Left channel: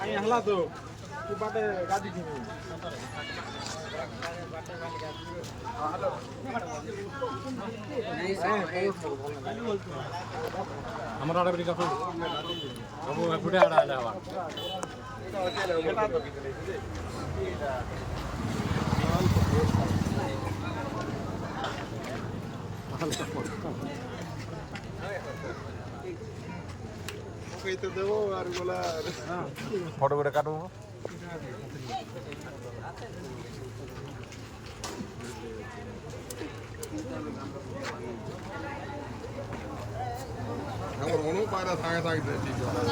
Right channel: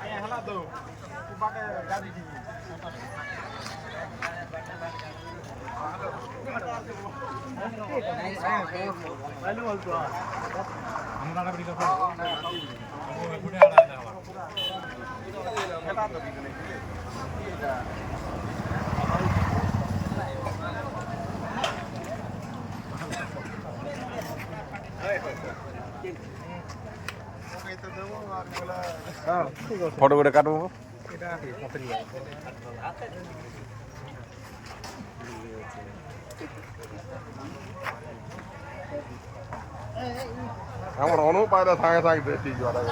અહીંયા હલા દો તું બાટે ગાડી થી আমার আড়া বিকা তো সবু ফুটে আড়া যাওয়া ফটো করে কাটবো আমার অনুপায়টা থাকে থাকবে ঠিক আছে